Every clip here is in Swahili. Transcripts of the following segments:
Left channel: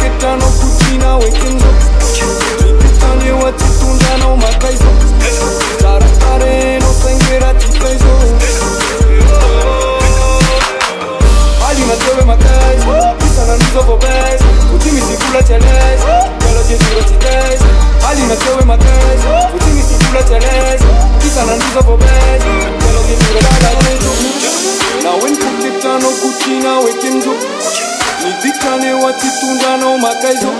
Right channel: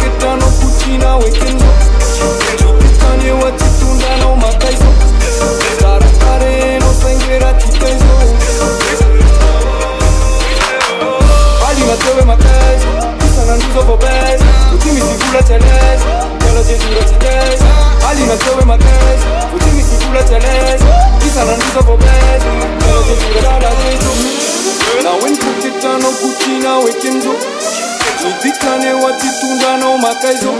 Ketano kuchina wekenzo Chititanye watitunda na umakaizo Saratare no sengera tikaizo Ali na tewe makaizo Kisa na nuzo vobez Utimi sifula telez Kala jejura tikaiz Ali na tewe makaizo Utimi sifula telez Kisa na nuzo vobez Kala jejura tikaizo Na wenpo ketano kuchina wekenzo Nidikane watitunda no makaizo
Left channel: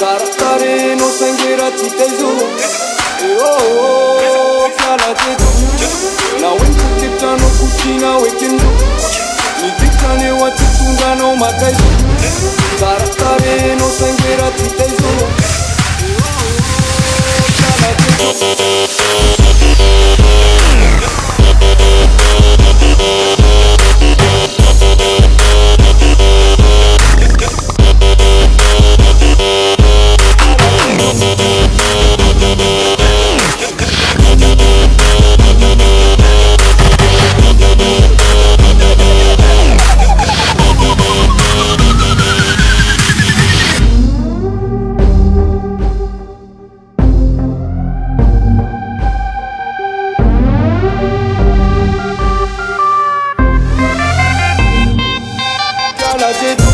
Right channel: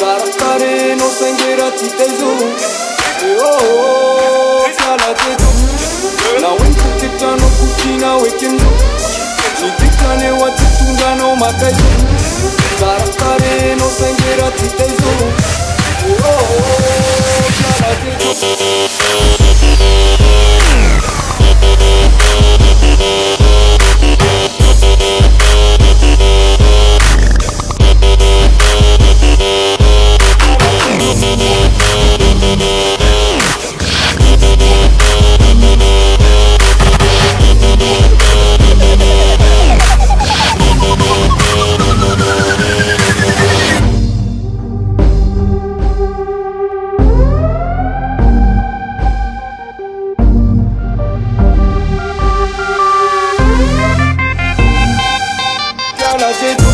Saratare no sengera tikaizo Kala teto Na wenpo ketano kuchina wekenzo Nidikane watitunda no makaizo Saratare no sengera tikaizo Kala teto